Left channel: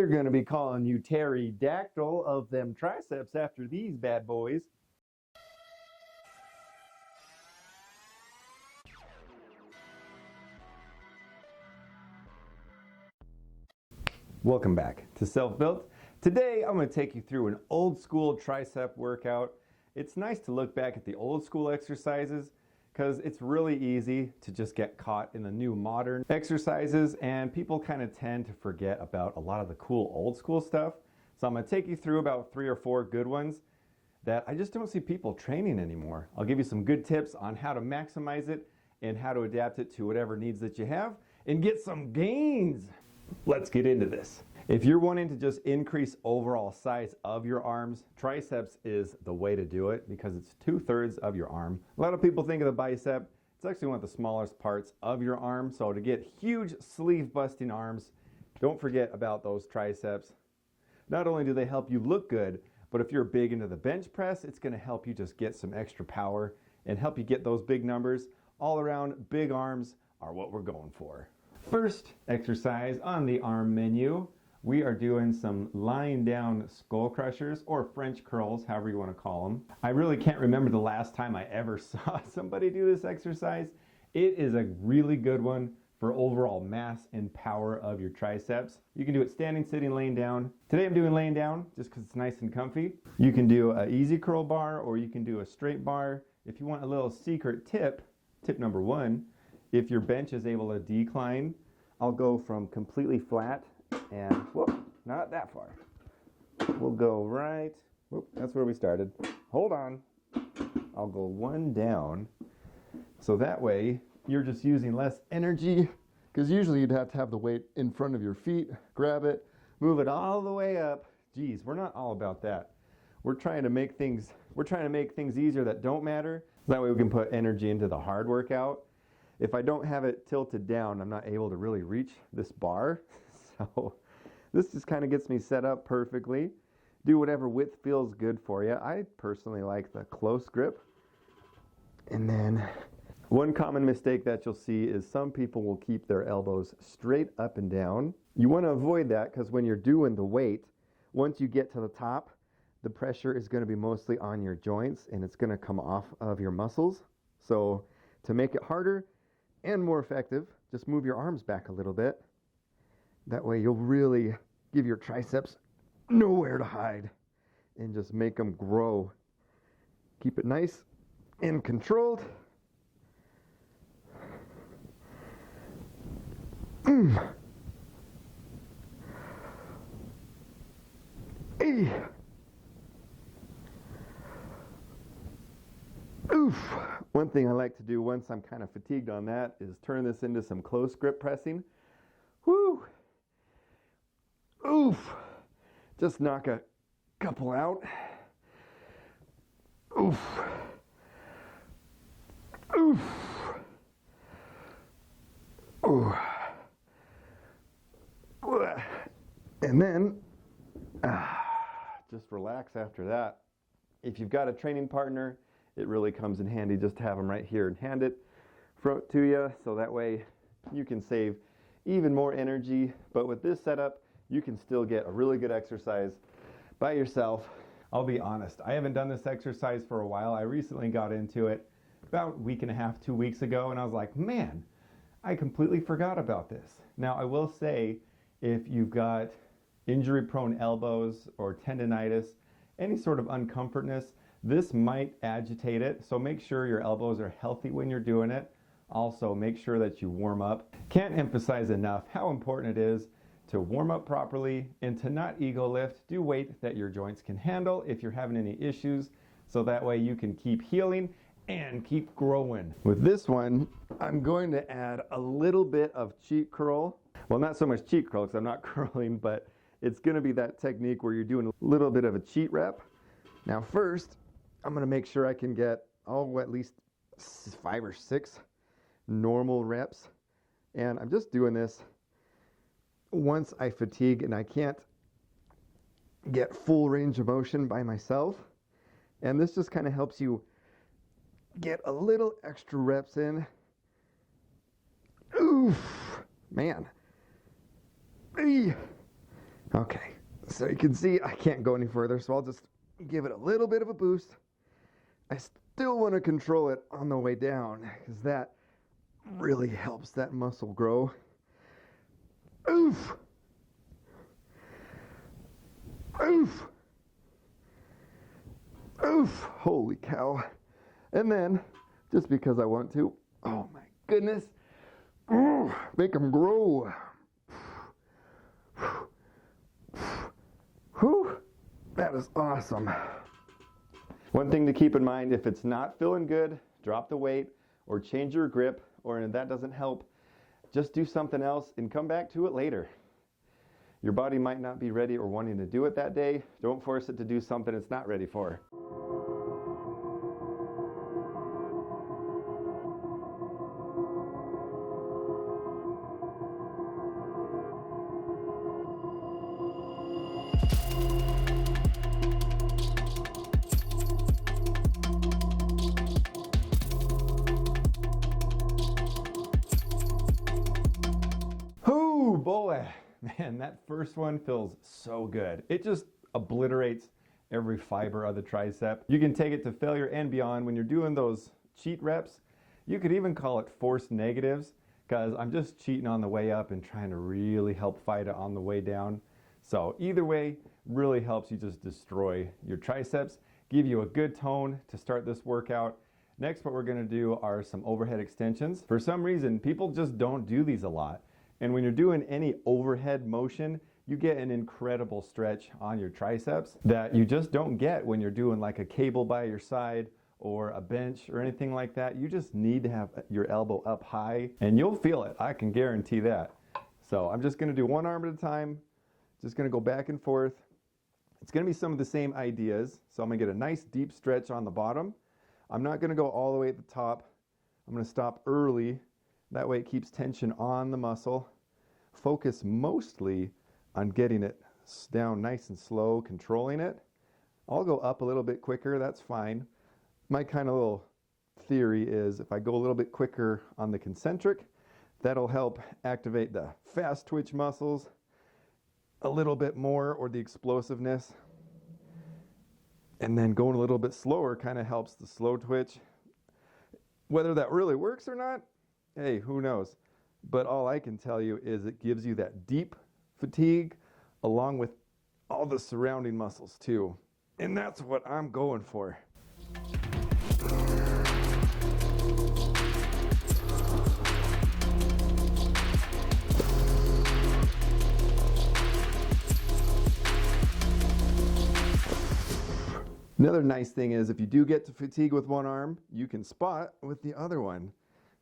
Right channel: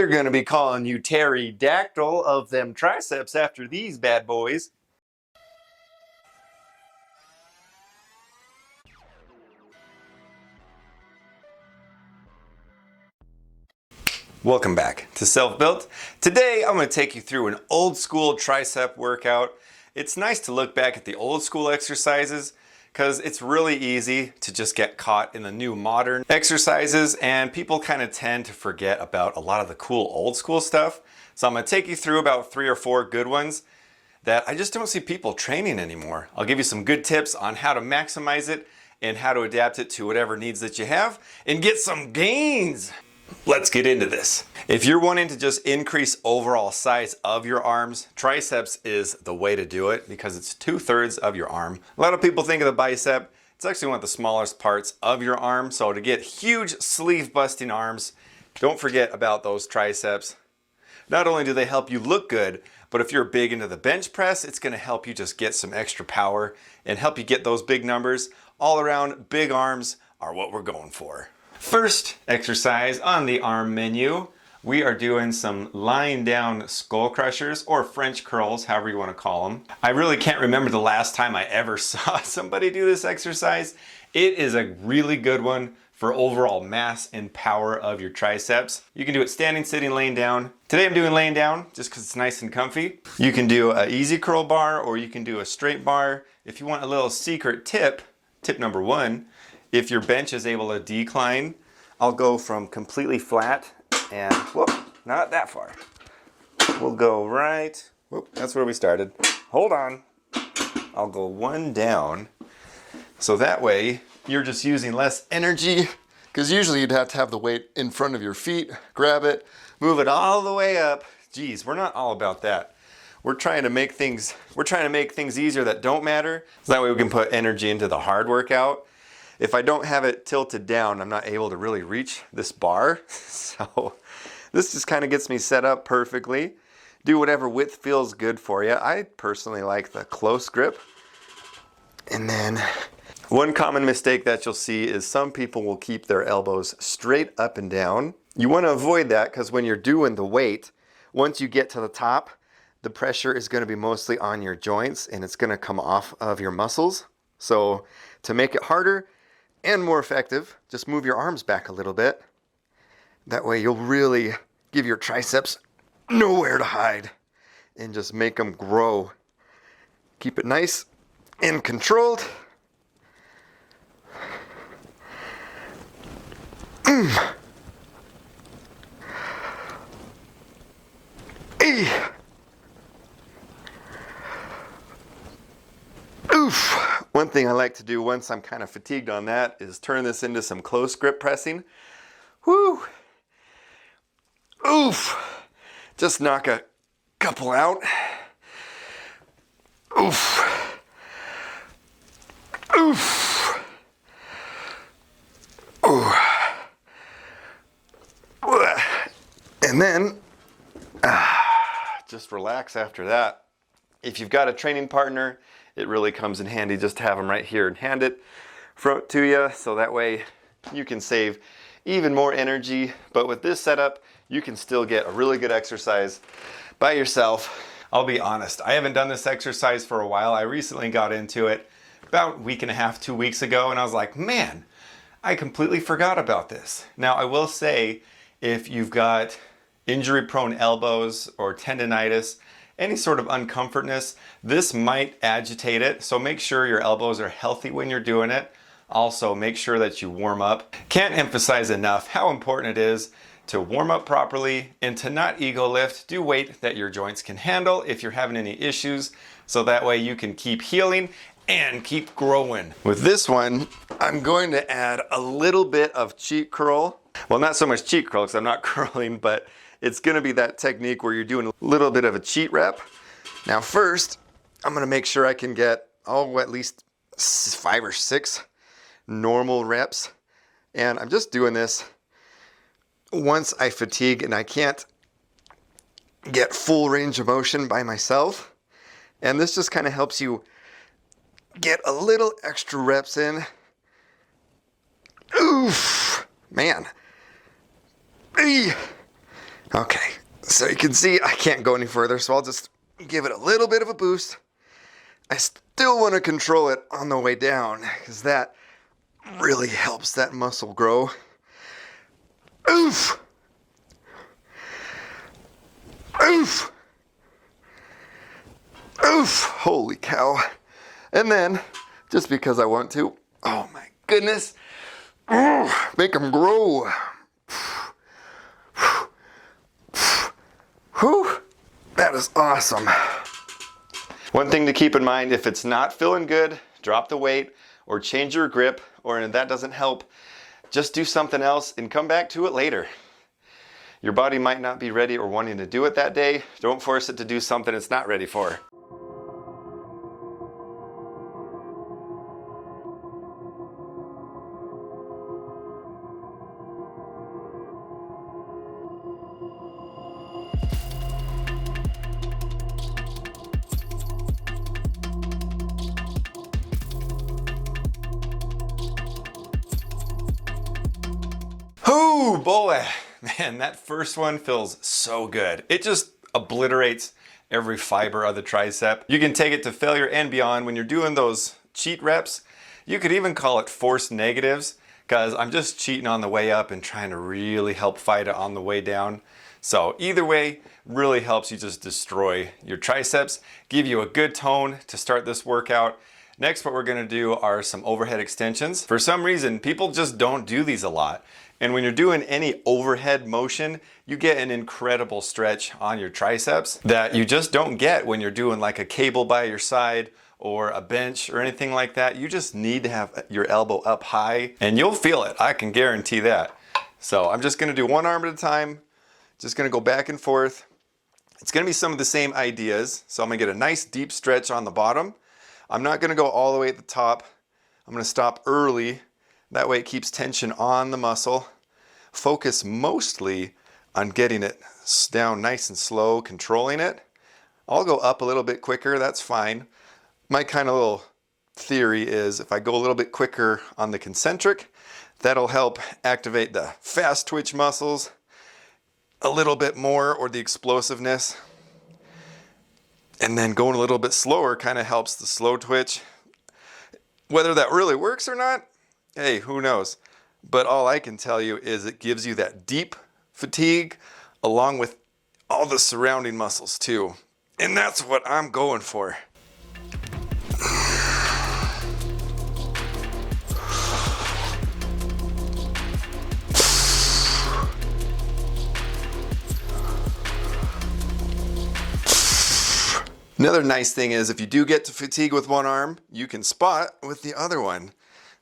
They're gonna be calling you pterodactyl of them triceps after these bad boys. Welcome back to Self-Built. Today I'm going to take you through an old school tricep workout. It's nice to look back at the old school exercises because it's really easy to just get caught in the new modern exercises, and people kind of tend to forget about a lot of the cool old school stuff. So I'm going to take you through about 3 or 4 good ones that I just don't see people training anymore. I'll give you some good tips on how to maximize it and how to adapt it to whatever needs that you have and get some gains. Let's get into this. If you're wanting to just increase overall size of your arms, triceps is the way to do it because it's 2/3 of your arm. A lot of people think of the bicep. It's actually one of the smallest parts of your arm. So to get huge sleeve busting arms, don't forget about those triceps. Not only do they help you look good, but if you're big into the bench press, it's going to help you just get some extra power and help you get those big numbers. All around, big arms are what we're going for. First exercise on the arm menu, we are doing some lying down skull crushers or French curls, however you want to call them. I really can't remember the last time I ever saw somebody do this exercise. It is a really good one for overall mass and power of your triceps. You can do it standing, sitting, laying down. Today I'm doing laying down just because it's nice and comfy. You can do an easy curl bar or you can do a straight bar. If you want a little secret tip, tip number 1, if your bench is able to decline, I'll go from completely flat and, whoop, not that far. We'll go right, whoop, that's where we started. Hold on. I'll go 1 down. So that way you're just using less energy, because usually you'd have to have the weight in front of your feet, grab it, move it all the way up. Geez, we're not all about that. We're trying to make things easier that don't matter. So that way we can put energy into the hard workout. If I don't have it tilted down, I'm not able to really reach this bar. So this just kind of gets me set up perfectly. Do whatever width feels good for you. I personally like the close grip. And then one common mistake that you'll see is some people will keep their elbows straight up and down. You want to avoid that because when you're doing the weight, once you get to the top, the pressure is going to be mostly on your joints and it's going to come off of your muscles. So to make it harder and more effective, just move your arms back a little bit. That way you'll really give your triceps nowhere to hide and just make them grow. Keep it nice and controlled. Oof. One thing I like to do once I'm kind of fatigued on that is turn this into some close grip pressing. Woo! Oof! Just knock a couple out. Oof! Oof! Ooh. And then, just relax after that. If you've got a training partner, it really comes in handy just to have them right here and hand it to you, so that way you can save even more energy. But with this setup, you can still get a really good exercise by yourself. I'll be honest, I haven't done this exercise for a while. I recently got into it about a week and a half, 2 weeks ago, and I was like, man, I completely forgot about this. Now, I will say, if you've got injury-prone elbows or tendonitis, any sort of uncomfortness, this might agitate it. So make sure your elbows are healthy when you're doing it. Also, make sure that you warm up. Can't emphasize enough how important it is to warm up properly and to not ego lift. Do weight that your joints can handle if you're having any issues, so that way you can keep healing and keep growing. With this one, I'm going to add a little bit of cheat curl. Well, not so much cheat curl because I'm not curling, but it's going to be that technique where you're doing a little bit of a cheat rep. Now first, I'm going to make sure I can get, at least 5 or 6 normal reps. And I'm just doing this once I fatigue and I can't get full range of motion by myself. And this just kind of helps you get a little extra reps in. Oof, man. Okay, so you can see I can't go any further, so I'll just give it a little bit of a boost. I still want to control it on the way down because that really helps that muscle grow. Oof! Oof! Oof! Holy cow. And then, just because I want to, oh my goodness, make them grow. Whew, that is awesome. One thing to keep in mind, if it's not feeling good, drop the weight or change your grip, or if that doesn't help, just do something else and come back to it later. Your body might not be ready or wanting to do it that day. Don't force it to do something it's not ready for. Oh boy, man, that first one feels so good. It just obliterates every fiber of the tricep. You can take it to failure and beyond when you're doing those cheat reps. You could even call it forced negatives, because I'm just cheating on the way up and trying to really help fight it on the way down. So either way, really helps you just destroy your triceps, give you a good tone to start this workout. Next, what we're gonna do are some overhead extensions. For some reason, people just don't do these a lot. And when you're doing any overhead motion, you get an incredible stretch on your triceps that you just don't get when you're doing like a cable by your side or a bench or anything like that. You just need to have your elbow up high and you'll feel it. I can guarantee that. So I'm just gonna do one arm at a time. Just gonna go back and forth. It's gonna be some of the same ideas. So I'm gonna get a nice deep stretch on the bottom. I'm not gonna go all the way at the top. I'm gonna stop early. That way it keeps tension on the muscle. Focus mostly on getting it down nice and slow, controlling it. I'll go up a little bit quicker, that's fine. My kind of little theory is if I go a little bit quicker on the concentric, that'll help activate the fast twitch muscles a little bit more, or the explosiveness. And then going a little bit slower kind of helps the slow twitch. Whether that really works or not, hey, who knows? But all I can tell you is it gives you that deep fatigue along with all the surrounding muscles too. And that's what I'm going for. Another nice thing is if you do get to fatigue with one arm, you can spot with the other one.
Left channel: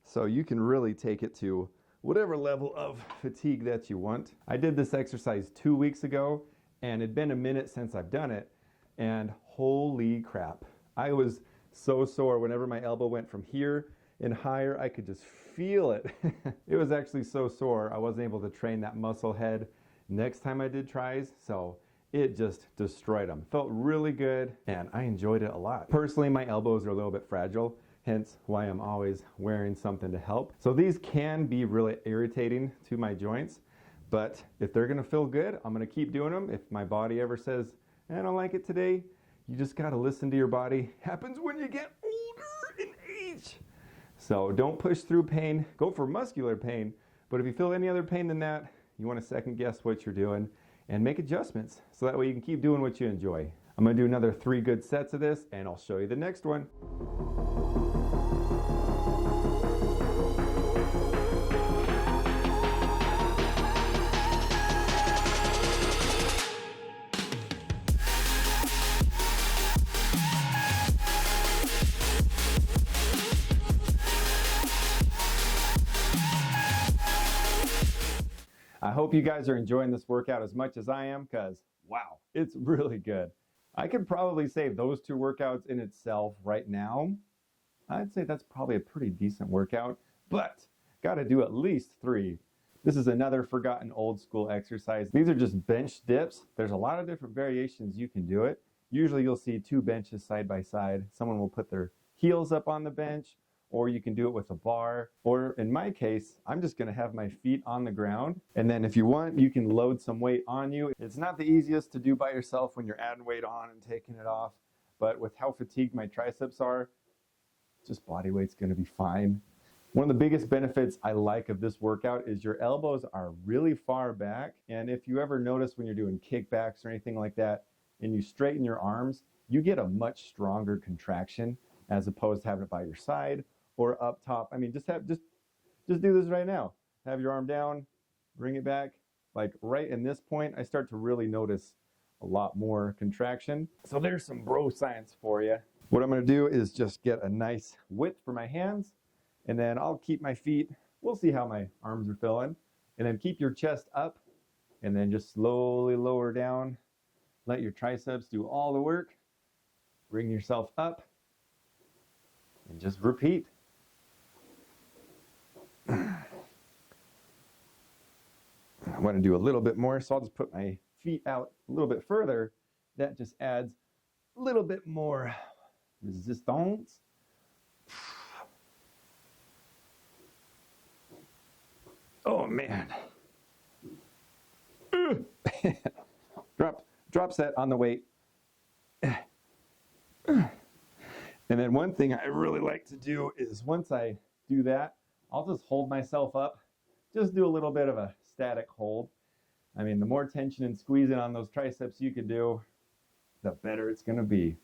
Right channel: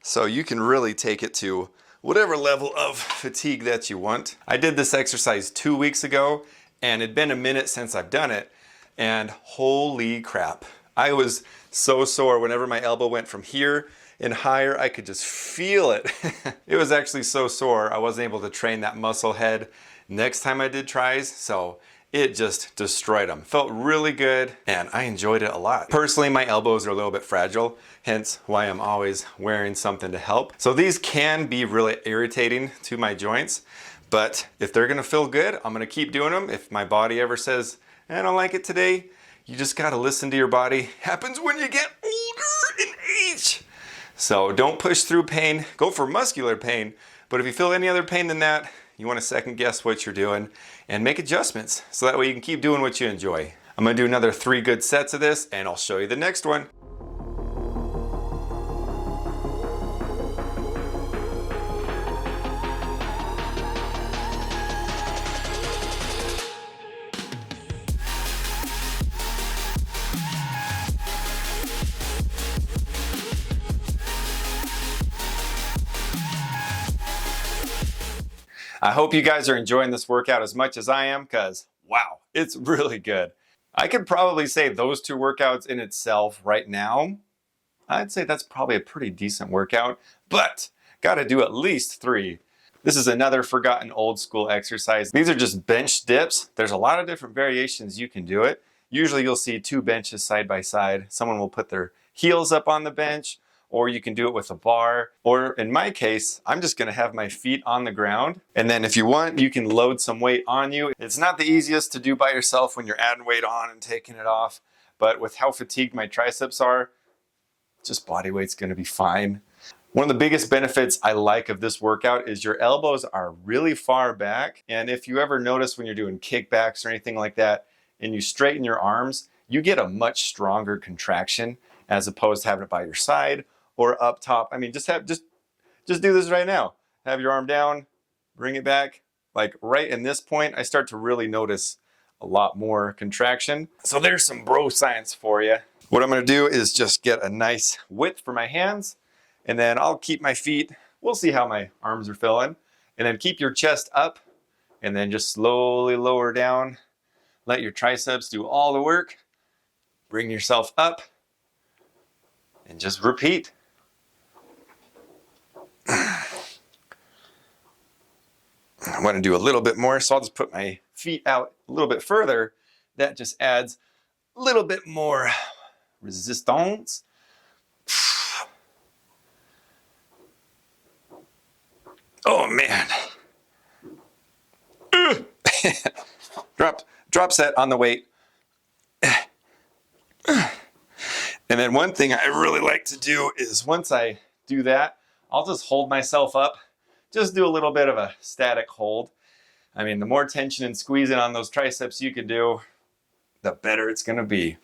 So you can really take it to whatever level of fatigue that you want. I did this exercise 2 weeks ago and it'd been a minute since I've done it, and holy crap. I was so sore whenever my elbow went from here and higher. I could just feel it. It was actually so sore I wasn't able to train that muscle head next time I did tries, so it just destroyed them. Felt really good and I enjoyed it a lot. Personally, my elbows are a little bit fragile, hence why I'm always wearing something to help. So these can be really irritating to my joints, but if they're gonna feel good, I'm gonna keep doing them. If my body ever says, I don't like it today, you just gotta listen to your body. Happens when you get older in age. So don't push through pain, go for muscular pain, but if you feel any other pain than that, you want to second guess what you're doing and make adjustments so that way you can keep doing what you enjoy. I'm going to do another 3 good sets of this and I'll show you the next one. I hope you guys are enjoying this workout as much as I am, because wow, it's really good. I could probably say those 2 workouts in itself right now, I'd say that's probably a pretty decent workout, but gotta do at least 3. This is another forgotten old school exercise. These are just bench dips. There's a lot of different variations you can do it. Usually you'll see 2 benches side by side. Someone will put their heels up on the bench, or you can do it with a bar, or in my case, I'm just gonna have my feet on the ground. And then if you want, you can load some weight on you. It's not the easiest to do by yourself when you're adding weight on and taking it off, but with how fatigued my triceps are, just body weight's gonna be fine. One of the biggest benefits I like of this workout is your elbows are really far back. And if you ever notice when you're doing kickbacks or anything like that, and you straighten your arms, you get a much stronger contraction as opposed to having it by your side or up top. I mean, just do this right now. Have your arm down, bring it back. Like right in this point, I start to really notice a lot more contraction. So there's some bro science for you. What I'm gonna do is just get a nice width for my hands, and then I'll keep my feet. We'll see how my arms are feeling. And then keep your chest up, and then just slowly lower down. Let your triceps do all the work. Bring yourself up, and just repeat. I want to do a little bit more, so I'll just put my feet out a little bit further. That just adds a little bit more resistance. Oh man. Drop set on the weight. And then one thing I really like to do is once I do that, I'll just hold myself up. Just do a little bit of a static hold. I mean, the more tension and squeezing on those triceps you can do, the better it's gonna be.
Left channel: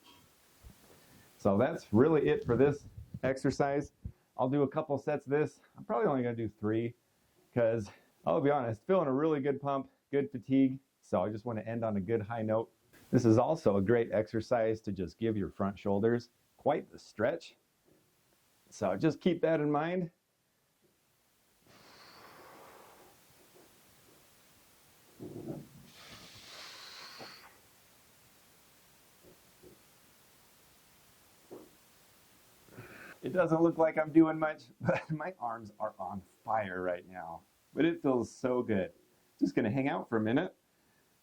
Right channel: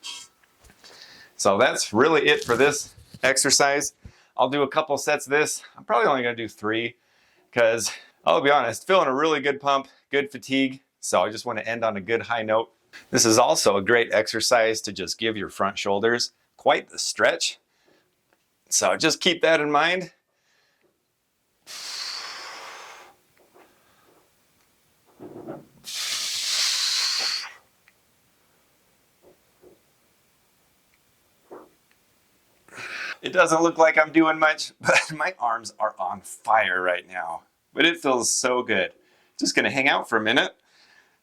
So that's really it for this exercise. I'll do a couple sets of this. I'm probably only gonna do 3 because I'll be honest, feeling a really good pump, good fatigue. So I just want to end on a good high note. This is also a great exercise to just give your front shoulders quite the stretch. So just keep that in mind. It doesn't look like I'm doing much, but my arms are on fire right now. But it feels so good. Just gonna hang out for a minute.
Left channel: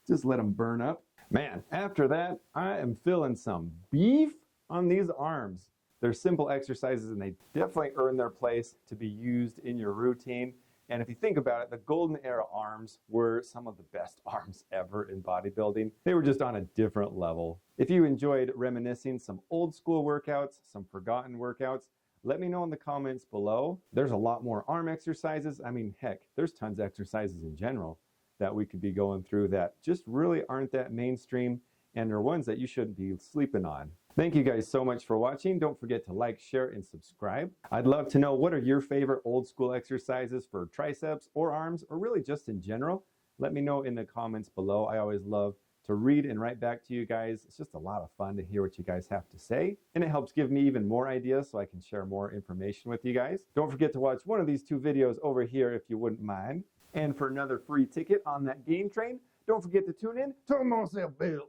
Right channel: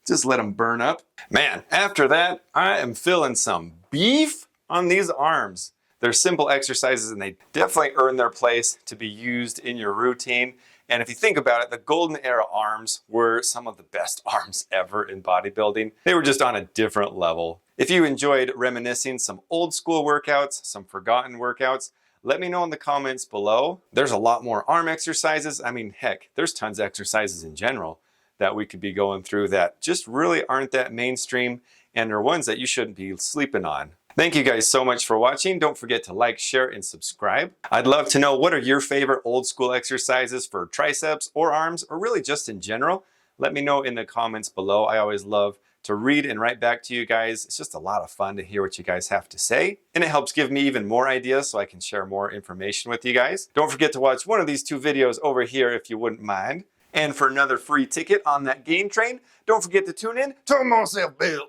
Just let them burn up. Man, after that, I am feeling some beef on these arms. They're simple exercises and they definitely earn their place to be used in your routine. And if you think about it, the golden era arms were some of the best arms ever in bodybuilding. They were just on a different level. If you enjoyed reminiscing some old school workouts, some forgotten workouts, let me know in the comments below. There's a lot more arm exercises. I mean, heck, there's tons of exercises in general that we could be going through that just really aren't that mainstream and are ones that you shouldn't be sleeping on. Thank you guys so much for watching. Don't forget to like, share, and subscribe. I'd love to know what are your favorite old school exercises for triceps or arms, or really just in general. Let me know in the comments below. I always love to read and write back to you guys. It's just a lot of fun to hear what you guys have to say, and it helps give me even more ideas so I can share more information with you guys. Don't forget to watch one of these 2 videos over here if you wouldn't mind. And for another free ticket on that game train, don't forget to tune in to Self Built.